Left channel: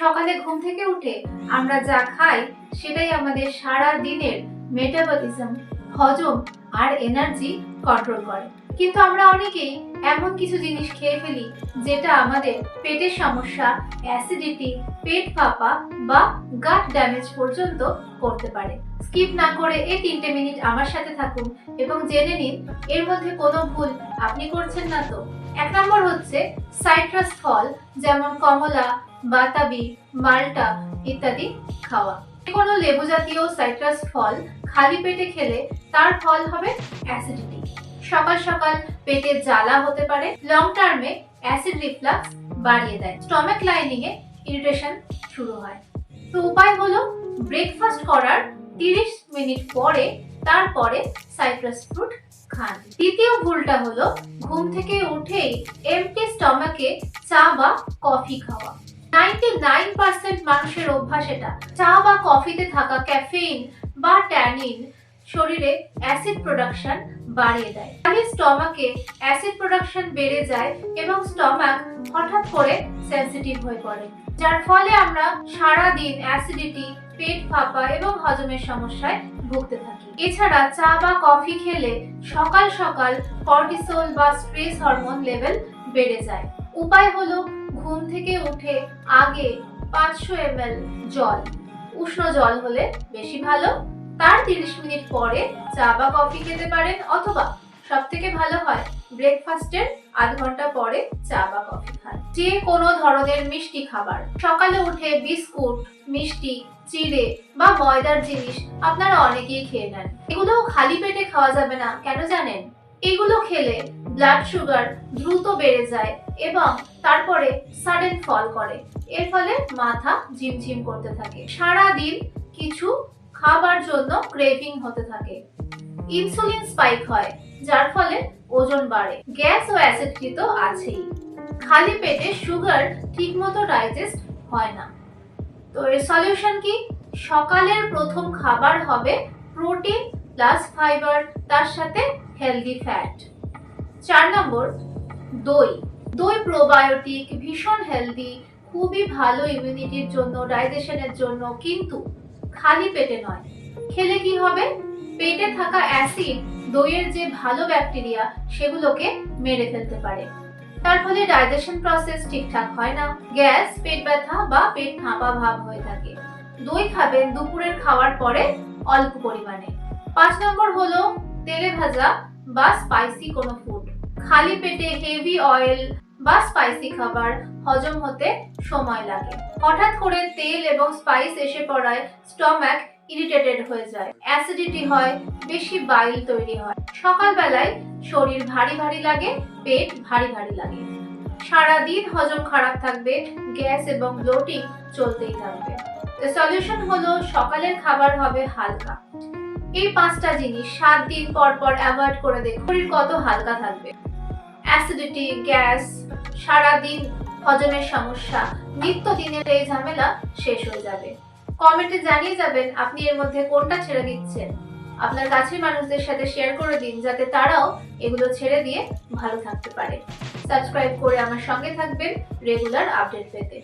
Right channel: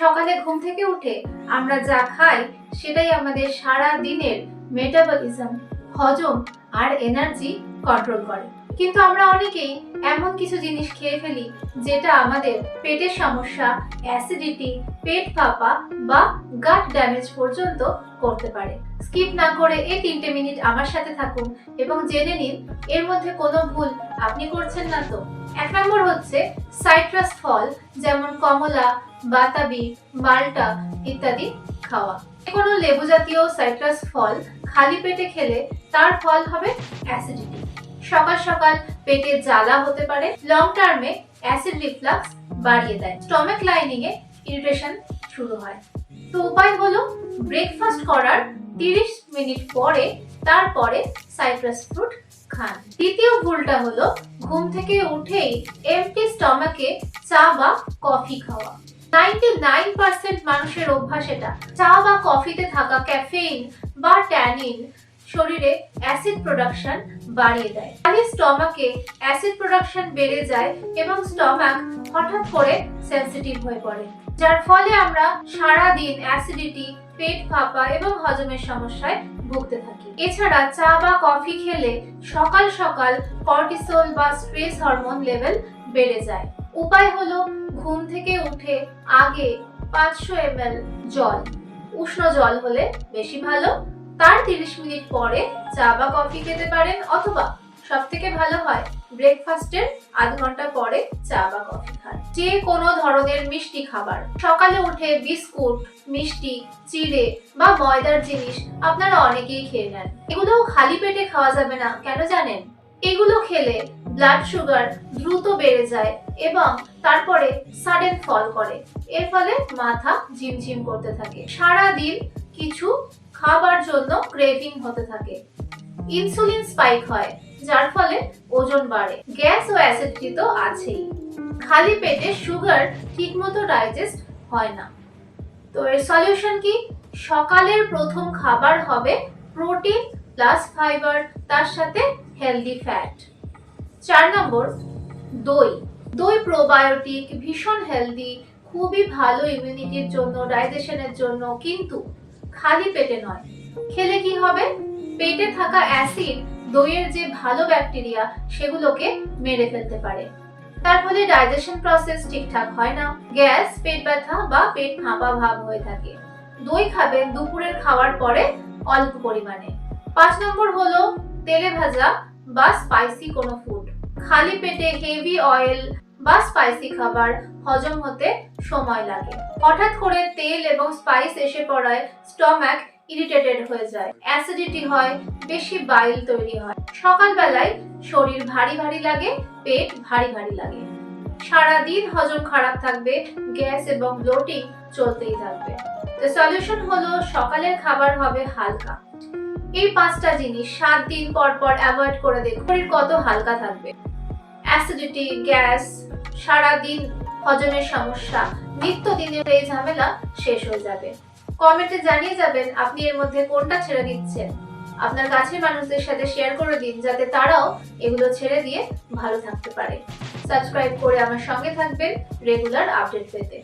সকালে ঘুম থেকে উঠে আমরা যা খাই সেটাই আমাদের সারা দিনের মেটাবলিজম, হজম আর এনার্জি কন্ট্রোল করে। কিন্তু আমরা অনেকেই এমন কিছু জিনিস খেয়ে ফেলি যেটা আমাদের পেটের সমস্যা, অ্যাসিডিটি, পেট ফাঁপা বা গাট ড্যামেজ পর্যন্ত করতে পারে। স্কিপ না করে এই 3টে মিনিট আমার সাথে থাকুন এবং জেনে নিন এর মধ্যে কোনো ভুল আপনি করছেন না তো। 1 নম্বর হচ্ছে সাইট্রাস ফল যেমন কমলা, বাতাবি, মাল্টা ইত্যাদি খাওয়া। কোনো লেবু জাতীয় সাইট্রাস ফল খালি পেটে খেলে তার ফল হবে অ্যাসিডিটি। সকাল সকাল পেটে জ্বালা হতে পারে, লং টার্মে অ্যাসিড রিফ্লাক্স বাড়িয়ে দেয়, স্টমাক লাইনিং এ ইরিটেশন শুরু হয়। তো উপায় হলো ব্রেকফাস্ট করার 30 মিনিট পরে তারপরে সাইট্রাস ফ্রুট খান। দ্বিতীয় ভুলটা হলো ঘুম থেকে উঠেই এমটি স্টমাকে চা বা কফি খাওয়া। 99% মানুষের অভ্যাস এটা। চা বা কফিতে থাকা ক্যাফেইন বা ট্যানিন শরীরে অ্যাসিড প্রোডাকশন বাড়িয়ে দেয়। খালি স্টমাকে অ্যাসিড প্রোডাকশন বেড়ে যায় এবং স্টমাক হঠাৎ করে সেনসিটিভ হয়ে পড়ে, যার ফলে আমরা সারা দিন অ্যাসিডিটি, পেট ফাঁপা এবং হজমের সমস্যায় ভুগতে থাকি। এছাড়া চা বা কফি খেলে সকাল সকাল কর্টিসল বা স্ট্রেস হরমোন লেভেল বেড়ে যায়। উপায় হলো ঘুম থেকে উঠে আগে 500 ml জল, উষ্ণ জল হলে বেশি ভালো, তার 30 মিনিট পরে চা বা কফি খেতে পারেন, অথবা সবথেকে ভালো হয় ব্রেকফাস্টের আধ ঘন্টা পরে চা বা কফি খান। যে কোনো ধরনের মিষ্টি খাবার, সকালে উঠে বিস্কুট, মিষ্টি, চিড়ে বা ময়দার জিনিস আপনারা অনেকেই খেয়ে নেন। এগুলো খালি পেটে খাওয়া যাবে না, কেন জানেন? এগুলো খেলে ব্লাড সুগার দ্রুত বেড়ে যায় এবং তারপরে সাডেন ফল করে। এর ফলে মাথা ঝিমঝিম করতে থাকে, সারা দিন কিছু খাবার জন্য ক্রেভিং হতে থাকে, ইনসুলিন স্পাইক হয়, যার ফলে ওজন বাড়ে, গ্যাস ও অ্যাসিডিটি তো আছেই। খালি পেটে সুগার ঠিকমতো ডাইজেস্ট হয় না। তো এর সলিউশন কি? সকালের প্রথম খাবার হবে প্রোটিন প্লাস ফাইবার, তার সাথে হেলদি ফ্যাট। 4 নম্বর দই। দই প্রোবায়োটিক, ভীষণ হেলদি, খুবই ভালো ইমিউনিটির জন্য, ডাইজেশনের জন্য, কিন্তু খালি পেটে নয়। খেলে কি হবে? পেটে থাকা অ্যাসিড দইয়ের যে ভালো ব্যাকটেরিয়া সেগুলোকে মেরে ফেলতে পারে, তার ফলে ডাইজেশন প্রসেস ঠিকঠাক হয় না, গ্যাস, পেট ব্যথা বা পেট ফাঁপা ভাব হয়ে থাকে। দই খাবেন দুপুরের খাওয়ার পরে অল্প পরিমাণে। 5 নম্বর হলো তেলে ভাজা বা স্পাইসি কোনো ফুড। খালি পেটে হেভি অয়েল বা স্পাইসি খাবার হজম হতে সময় লাগে। হঠাৎ করে তেল এবং স্পাইস এসে পড়ায় স্টমাক ইরিটেটেড হয়ে যায়, অ্যাসিডিটি হয়, বেশি বাইল তৈরি হয়। সকালবেলায় শরীর ভারী ভারী লাগে, পেট ভারী ভারী লাগে, সারাদিন হজম খারাপ থাকবে, গ্যাস এবং ব্লোটিং চলতেই থাকবে। তো সলিউশন হলো সকালের খাবার হবে হালকা। এই 5টা জিনিস 7 দিন পর পর অ্যাভয়েড করে দেখুন, শরীর কত হালকা থাকবে। অ্যাসিডিটি, গ্যাস, সারাদিন হজমের সমস্যা, নিত্যদিনের এই ঝামেলা শেষ হয়ে যাবে। কমেন্টে জানিয়ে যাবেন আপনি এর মধ্যে কোনটা ছেড়ে দিচ্ছেন। আপনার কাছের মানুষদের সাথে শেয়ার করে দিন যাতে তারাও এগুলো ছেড়ে দিয়ে ভালো থাকতে পারে। সাবস্ক্রাইব করে আমার সঙ্গে থাকবেন রেগুলার আপডেট পেতে।